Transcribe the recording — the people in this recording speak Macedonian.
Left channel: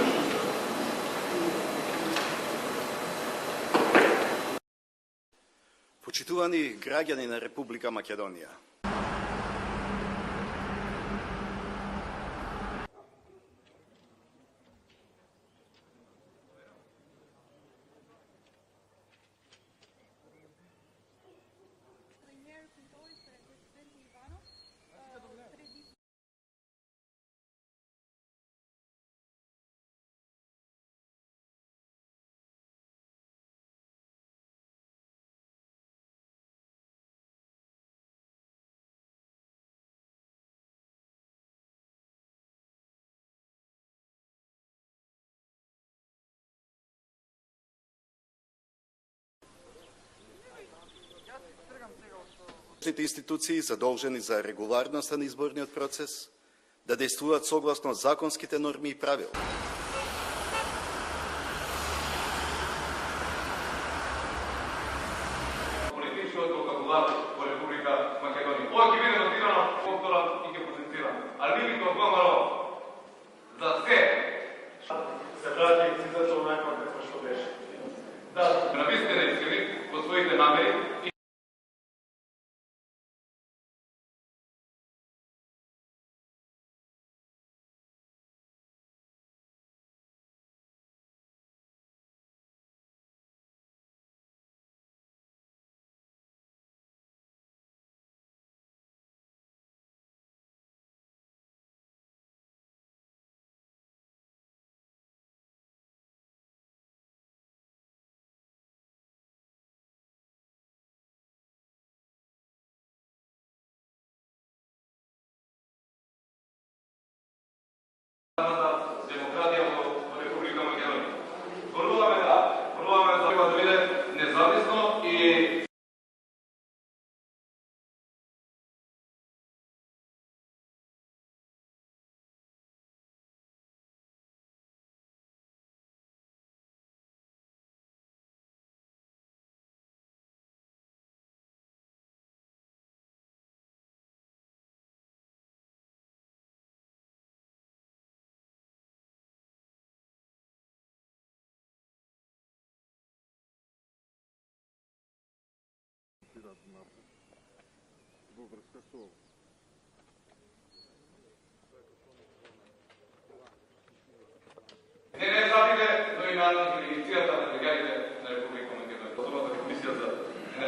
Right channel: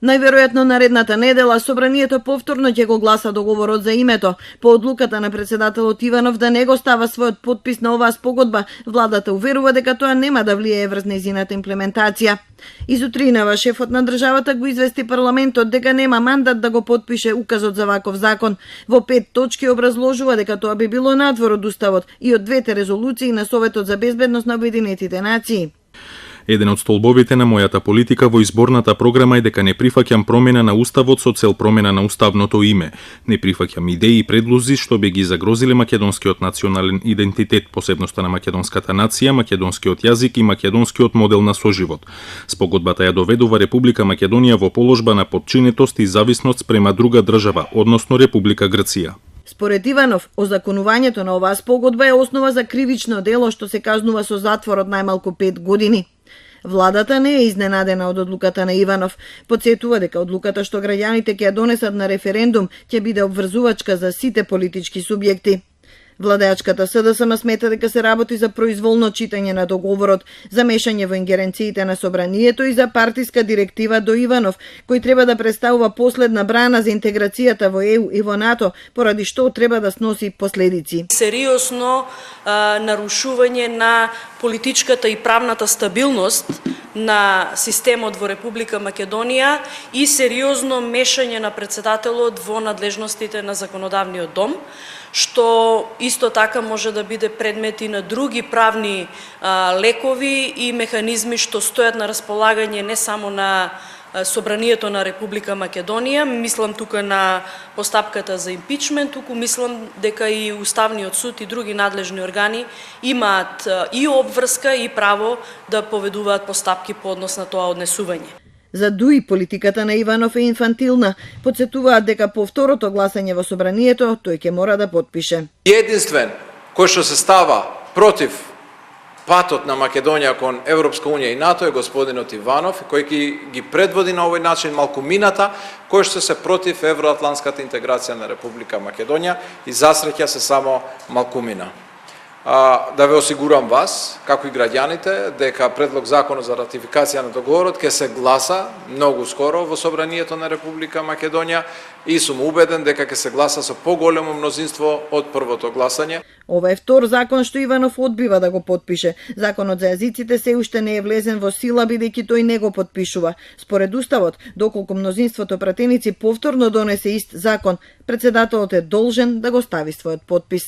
Најверојатно наредната недела собранието повторно ќе го гласа договорот за името. По одлуката на председателот Иванов да не го става својот подпис на оваа спогодба, владата уверува дека тоа нема да влијае врз нејзината имплементација. Изутринава шефот на државата го извести парламентот дека нема мандат да го потпише указот за ваков закон. Во 5 точки образложува дека тоа би било надвор од уставот и од двете резолуции на Советот за безбедност на Обединетите нации. Еден од столбовите на мојата политика во изборната програма е дека не прифаќам промена на уставот со цел промена на уставното име. Не прифаќам идеи и предлози што би ги загрозиле македонскиот национален идентитет, посебноста на македонската нација, македонскиот јазик и македонскиот модел на соживот. Спогодбата ја доведува Република Македонија во положба на подчинетост и зависност спрема друга држава, односно Република Грција. Според Иванов, озаконувањето на оваа спогодба е основа за кривично дело што се кажнува со затвор од најмалку 5 години. Владата не е изненадена од одлуката на Иванов. Потсетува дека одлуката што граѓаните ќе ја донесат на референдум ќе биде обврзувачка за сите политички субјекти. Владеачката СДСМ смета дека се работи за произволно читање на договорот, за мешање во ингеренциите на собранието и за партиска директива до Иванов, кој треба да представува последна брана за интеграцијата во ЕУ и во НАТО, поради што треба да сноси последици. Сериозно нарушување на политичката и правната стабилност на системот во Република Македонија и сериозно мешање на председателот во надлежностите на законодавниот дом, што исто така може да биде предмет и на други правни лекови и механизми што стојат на располагање не само на Собранието на Република Македонија, мислам тука на постапката за импичмент, туку мислам дека и Уставниот суд и други надлежни органи имаат и обврска и право да поведуваат постапки по однос на тоа однесување. За ДУИ политиката на Иванов е инфантилна. Потсетуваат дека по второто гласање во Собранието тој ќе мора да потпише. Единствен кој што се става против патот на Македонија кон Европска унија и НАТО е господинот Иванов, кој ги предводи на овој начин малкумината, кој што се против евроатлантската интеграција на Република Македонија и засреќа се само малкумина. Да ве осигурам вас, како и граѓаните, дека предлог законот за ратификација на договорот ќе се гласа многу скоро во Собранието на Република Македонија и сум убеден дека ќе се гласа со поголемо мнозинство од првото гласање. Ова е втор закон што Иванов одбива да го потпише. Законот за јазиците се уште не е влезен во сила, бидејќи тој не го потпишува. Според уставот, доколку мнозинството пратеници повторно донесе ист закон, председателот е должен да го стави својот потпис.